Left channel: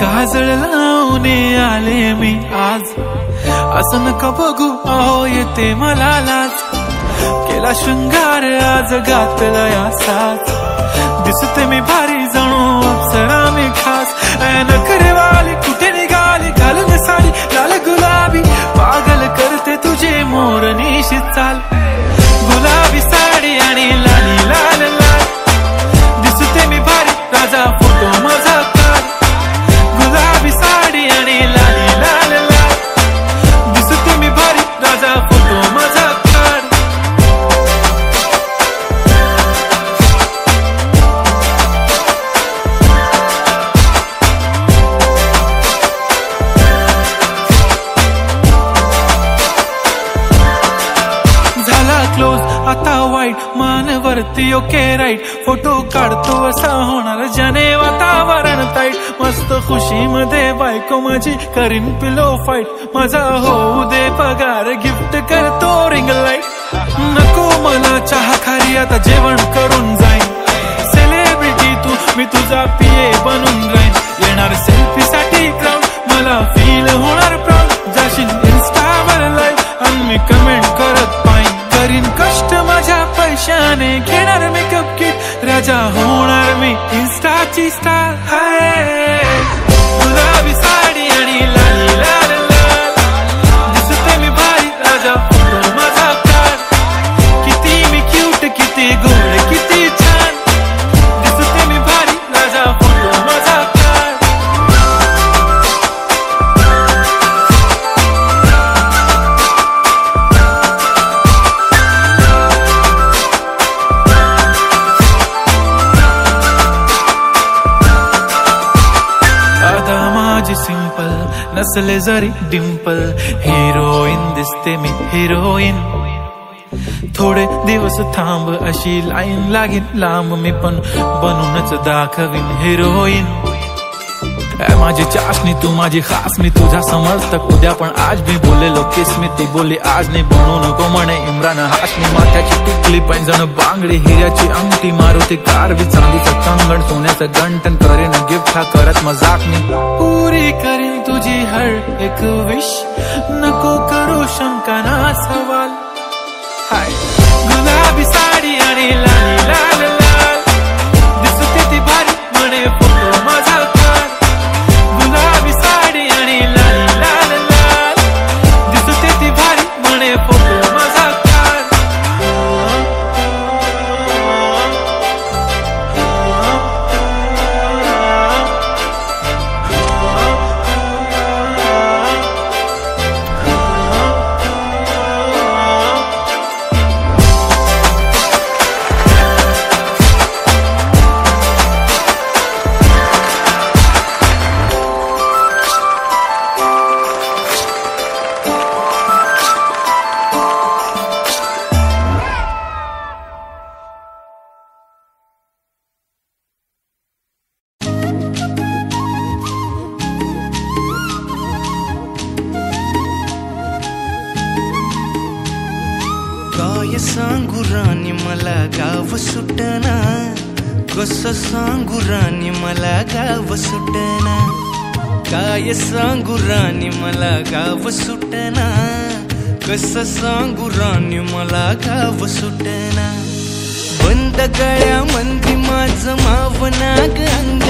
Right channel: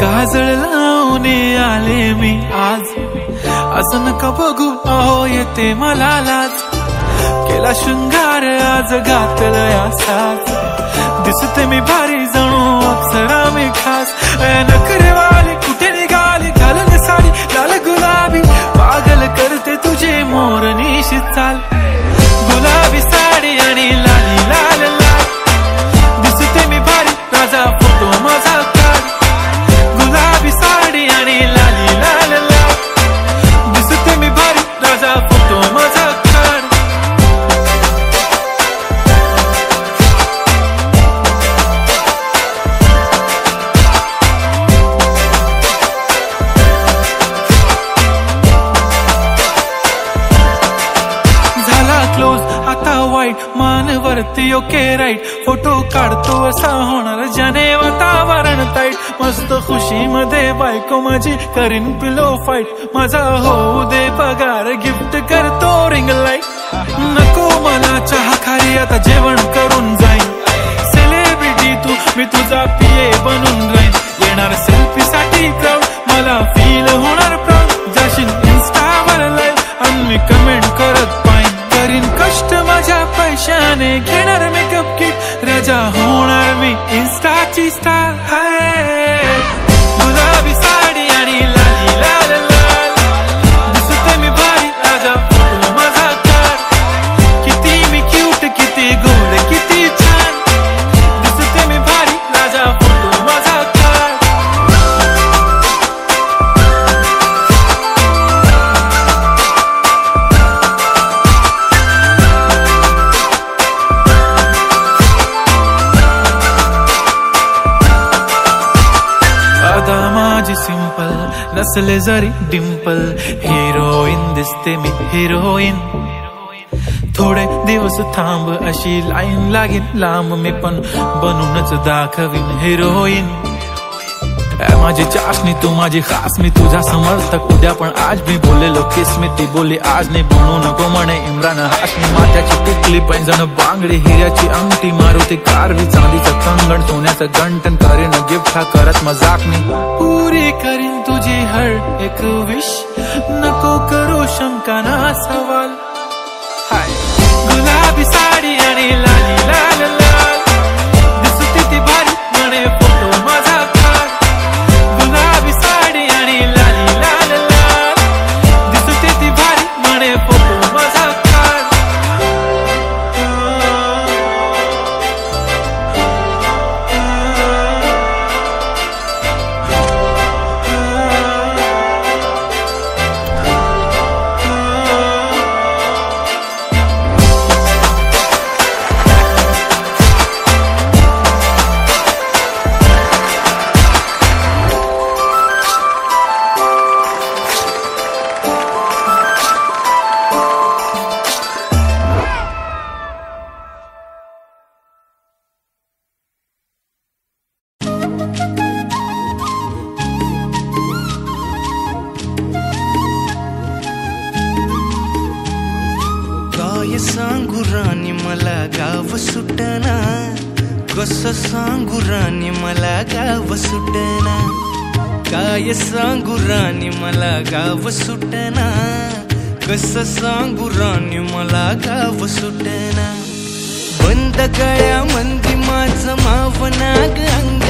काजळ लावून आले मी आज, असं नका बघू अहो येते मला लाज. केला शृंगार आज घातलंय असाच, दिसते मी भारी जणू अप्सरा मी खास. नखरेवाली कुठे निघाली घालून साडी लाल गुलाबी, पागल करते तुझे मोरनीशी चाल. गुलाबी साडी आणि लाली लाल लाल, दिसते मी भारी राजा फोटो माझा काढ. गुलाबी साडी आणि लाली लाल लाल, दिसते मी भारी राजा फोटो माझा काढ. झाला क्लोज आता वाईट, मान वरती ओके राईट. फोटो काढतो असा होणार ज्याने वातावरण ताईट. मस्त खुशी मध्ये बायको माझी करीन पिलो फाईट. माझा होऊ दे पगार गिफ्ट करतो रिंग लाईट. नको मला चहा खारी आता जेवण करून जाईन. सेलिब्रिटी तू मी तुझा पिये बनून राहीन. येणार सेल्फी साठी क्राऊड मला फील होणार प्राऊड. जाशील इन्स्टावर लाईव्ह आणि मी कमेंट करत पाईन. करीन कष्ट माझ्या पैशाने घेणार मेकअप किट. राजा होणार मी इन्स्टाची स्टार. हाय गुलाबी साडी आणि लाली लाल लाल, दिसते मी भारी राजा फोटो माझा काढ. किती मी क्यूट किती गोड किती छान, दिसते मी भारी राजा फोटो माझा काढ. आता माझी सिंपल नसले जरी डिंपल, हिरोईन दिसते मी हिरोईन. थोडे दिवस थांब अशी लाईन लागेल लांब, मी पण बनूनच दाखवीन हिरोईन. माझी चाशनी तू माझी खास, मी तुझा समर्थक उद्या पण आज मी बोलेलो किस मी. ती बोली आज नाही बनू नको म्हणे इम्रान हाशमी. माथ्याची टिकली पैंजण बांगडी हिऱ्याची अंगठी, मारुती कारवी चांदीचं कंगण सोन्याचं गंटन. करीन गिफ्ट हा करत मजाकनी, पुरी करीन तुझी हर एक विश. नको करू शंका ना सवाल. हाय गुलाबी साडी आणि लाली लाल लाल, दिसते ती भारी म्हणे फोटो माझा काढ. गुलाबी साडी आणि लाली लाल लाल, दिसते ती भारी म्हणे फोटो माझा काढ. काय सांगू राणी मला गाव सुटना, कसं सांगू राणी मला गाव सुटना. काय सांगू राणी मला गाव सुटना, कसं सांगू राणी मला गाव सुटना. बंद गळ्यामंदी माझं मावनाग अंग,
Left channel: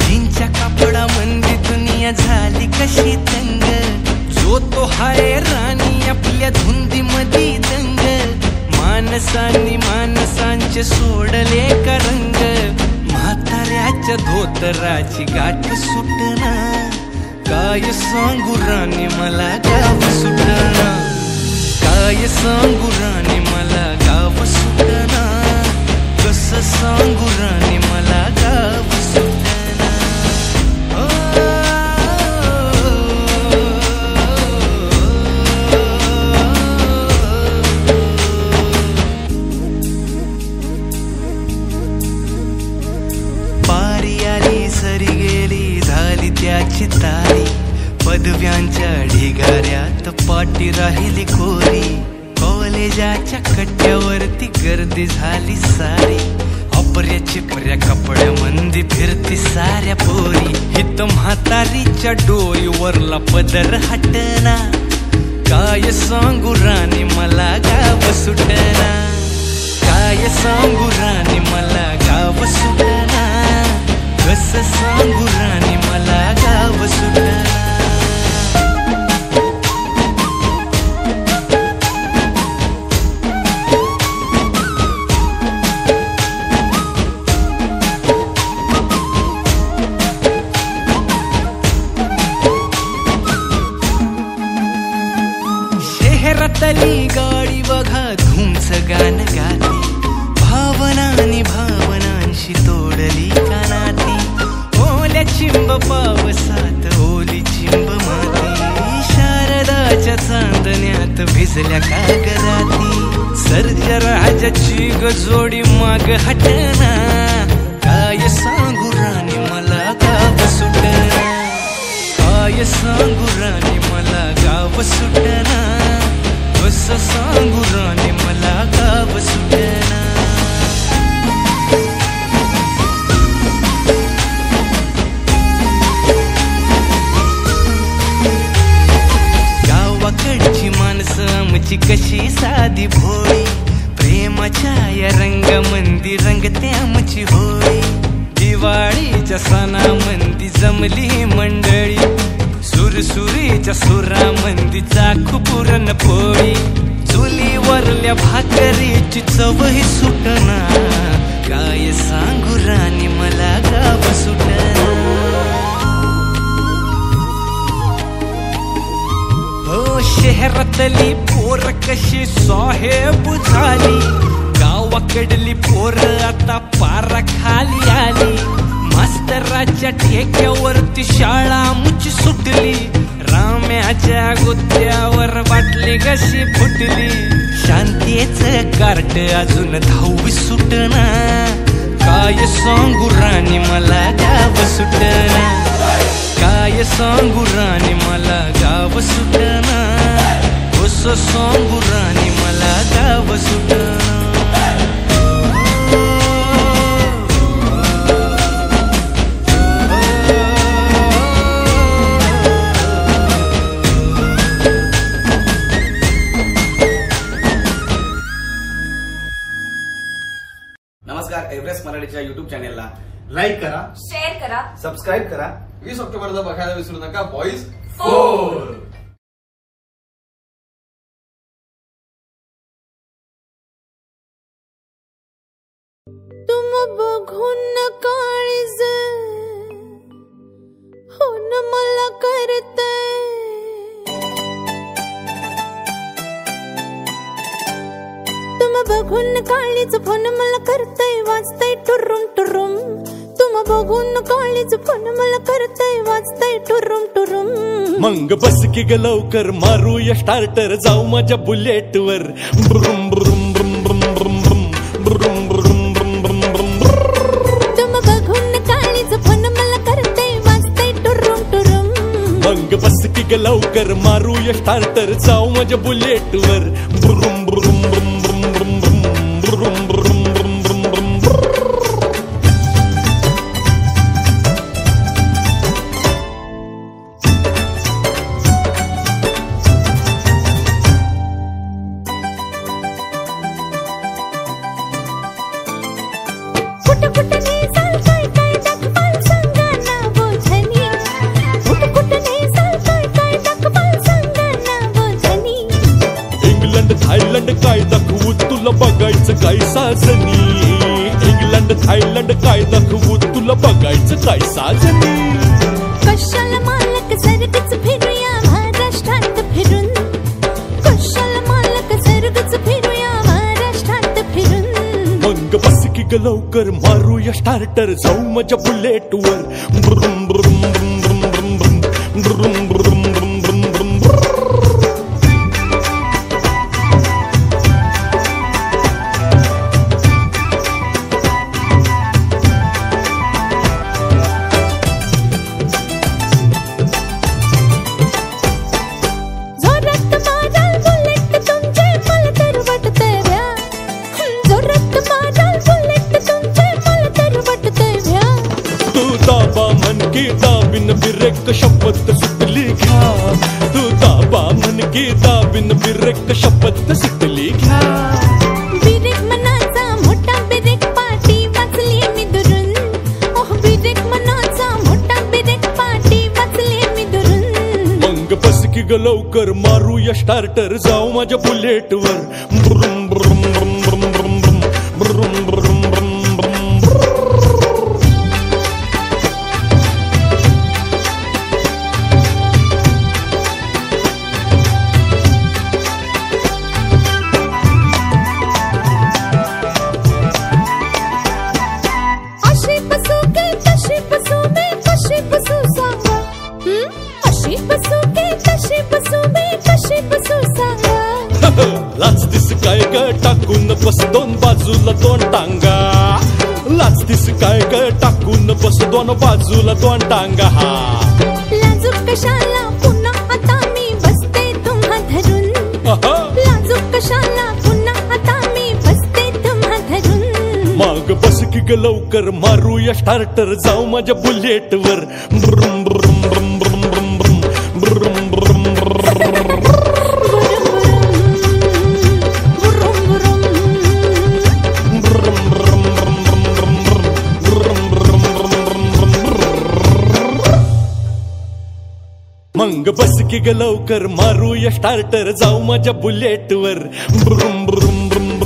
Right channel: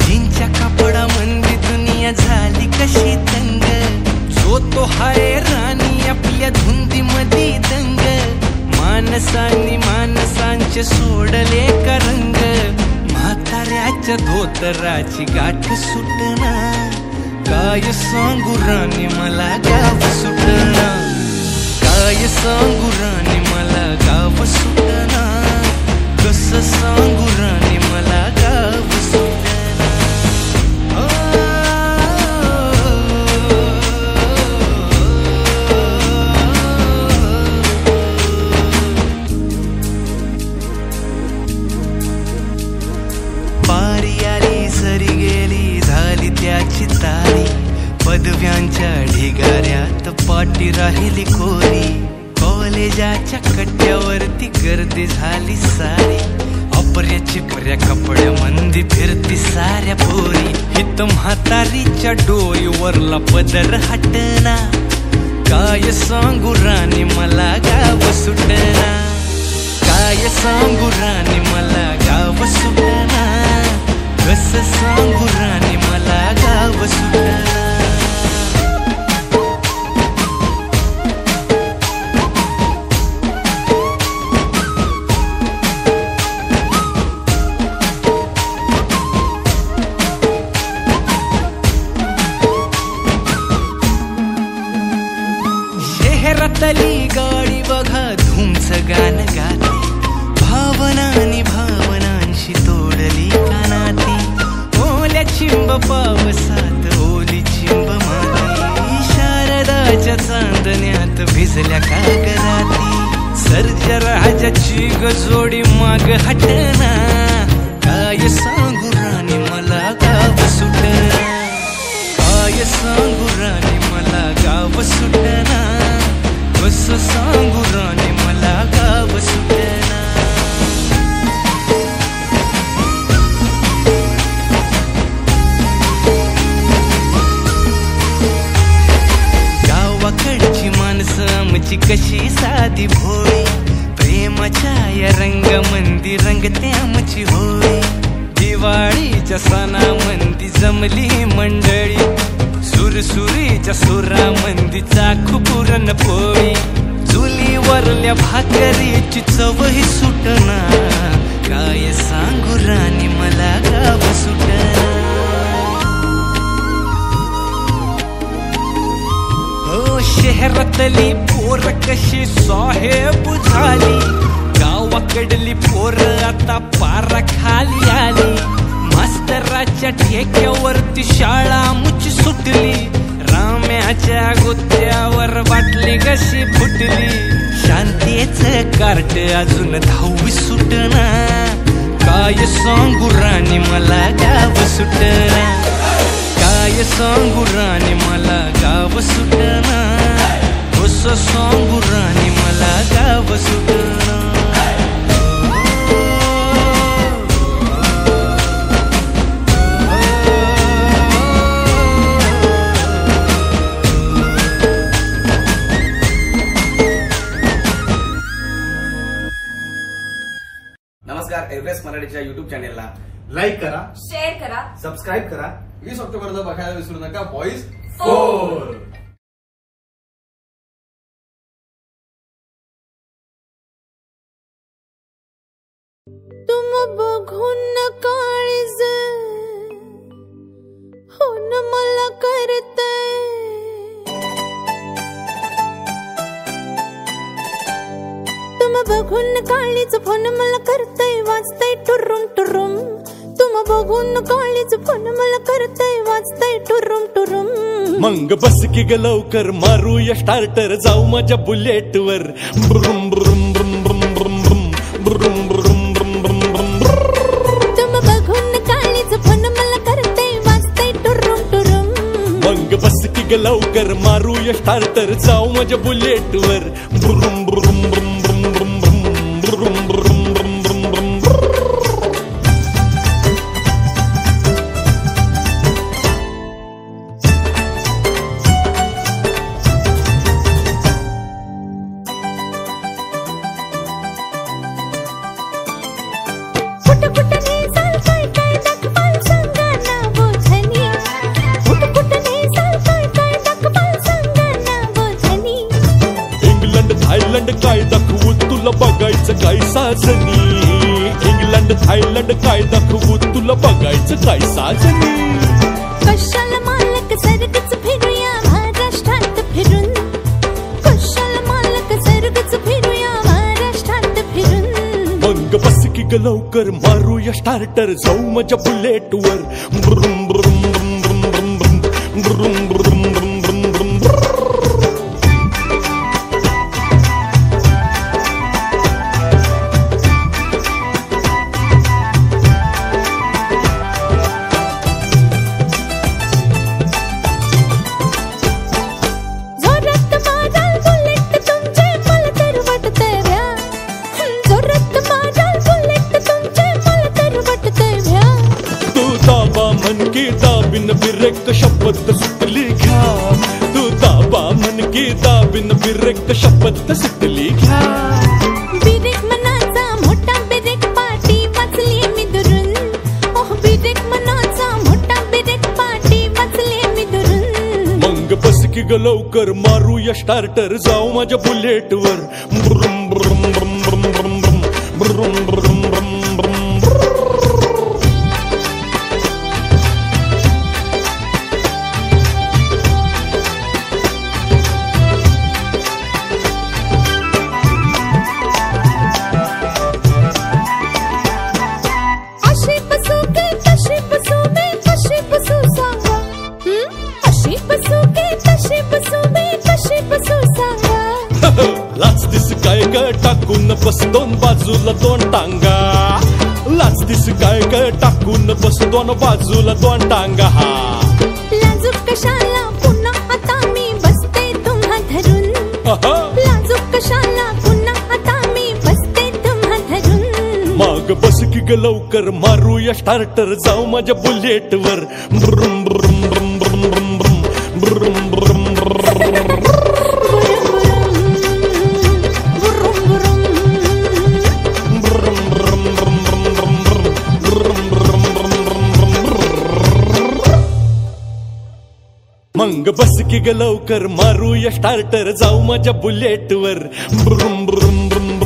जीनच्या कापडा मंदी दुनिया झाली कशी तंग. जो तो हाय राणी आपल्या धुंदी मधी दंग, मानसांनी मानसांचे सोडले का रंग. म्हाताऱ्याच्या धोतराची गाठ सुटना, काय सांगू राणी मला गाव सुटना. काय सांगू राणी मला गाव सुटना, कसं सांगू राणी मला गाव सुटना. पारी आली सरी गेली झाली डोक्याची तारी, पदव्यांच्या ढिगाऱ्यात पाटी राहिली कोरी, कॉलेजाच्या कट्ट्यावरती गर्दी झाली सारी, अपर्या चिपर्या कपड्यामंदी फिरती साऱ्या पोरी, हित म्हातारीच्या डोईवरला पदर हटना, काय सांगू राणी मला गाव सुटना, काय सांगू राणी मला गाव सुटना, कसं सांगू राणी मला गाव सुटना. शहरातली गाडी बघा धूमचं गाणं गाती, भावनांनी भावनांशी तोडली कानाती, ओल्या चिंब पावसात ओली चिंब माती, शारदाच्या चांदण्यात भिजल्या कागराती, सर्जराजाची गजोडी माग हटना, काय सांगू राणी मला गाव सुटना, काय सांगू राणी मला गाव सुटना, कसं सांगू राणी मला गाव सुटना. गावाकडची माणसं आमची कशी साधी भोळी, प्रेमाच्या या रंगामंदी रंगते आमची होळी, दिवाळीच्या सणामंदी जमली मंडळी, सुरसुरीच्या सुरामंदी चाखू पुरणपोळी, चुलीवरल्या भाकरीची चवही सुटना, काय सांगू राणी मला गाव सुटना. हो शहरातली पोर कशी साहेब झाली, गावाकडली पोर आता पारा खाली आली, मास्तराच्या ठेक्यावरती शाळा मुची सुटली, राम्याच्या गुत्त्यावर बाटली कशी फुटली, शांतीचं कार्ट अजून 10वी सुटना, काय सांगू राणी मला गाव सुटना, काय सांगू राणी मला गाव सुटना, कसं सांगू राणी मला गाव सुटना. नमस्कार, एव्हरेस्ट मराठीच्या युट्यूब चॅनेलला लाईक करा, शेअर करा, सबस्क्राईब करा. 20 ऑक्टोबरला बघायला विसरू नका बॉईज 4. तुम बघून काळीज होन मला करतय, तुम बघून काळीज फोन मला करतय, वाजतय टुरुम टुरुम, तुम बघून काळीज फोन मला करतय, वाजतय टुरुम टुरुम. मंग बस की ग लवकर मारूया स्टार्टर, जाऊ माझ्या बुलेट वर, ब्रुम ब्रुम ब्रुम ब्रुम ब्रुम ब्रुम ब्रुम ब्रुम ब्रुम ब्रुम ब्रुम. तुम बघून काळीज फोन मला करतय, वाजतय टुरुम टुरुम. मंग बस की ग लवकर मारूया स्टार्टर, जाऊ माझ्या बुलेट वर, ब्रुम ब्रुम ब्रुम ब्रुम ब्रुम ब्रुम ब्रुम ब्रुम ब्रुम ब्रुम ब्रुम. थायलंड काय दाखवू तुला बघायचं काय साजनी, इंग्लंड थायलंड काय दाखवू तुला बघायचं काय साजनी. कशाला मालक सर्गच फिरूया महाराष्ट्रात फिरून, कशाला मालक सर्गच फिरूया महाराष्ट्रात फिरून. मंग बस की ग लवकर मारूया स्टार्टर, जाऊ माझ्या बुलेट वर, ब्रुम ब्रुम ब्रुम ब्रुम ब्रुम ब्रुम ब्रुम ब्रुम ब्रुम ब्रुम ब्रुम ब्रुम. दाबा म्हण की दाबीन बिरेक शपथ सुटली घ्या तू दाबा म्हण की दाबीन बिरेक शपथ सुटली घ्या बिरेक मनाचा मोठा बिरेक पाटी वाचली मी दुरून ओह बिरेक मनाचा मोठा बिरेक पाटी वाचली मी दुरून मग बस की ग लवकर मारूया स्टार्टर जाऊ माझ्या बुलेट वर ब्रुम ब्रुम ब्रुम ब्रुम ब्रुम ब्रुम ब्रुम ब्रुम ब्रुम ब्रुम अशी बसू की तशी बसू मी कशी बसू सांगा अशी बसू की तशी बसू मी कशी बसू सांगा लाच दिस काय ग टाकून बस दोन बाजूला दोन टांगा लाच दिस काय ग टाकून बस दोन बाजूला दोन टांगा हा लाजूक कशाला पुन्हा आता मी बसते तुम्हा धरून लाजूक कशाला पुन्हा आता मी बसते तुम्हा धरून मग बस की ग लवकर मारूया स्टार्टर जाऊ माझ्या बुलेट वर ब्रुम ब्रुम ब्रुम ब्रुम ब्रुम ब्रुम ब्रुम ब्रुम मग बस की ग लवकर मारूया स्टार्टर जाऊ माझ्या बुलेट वर ब्रुम ब्रुम ब्रुम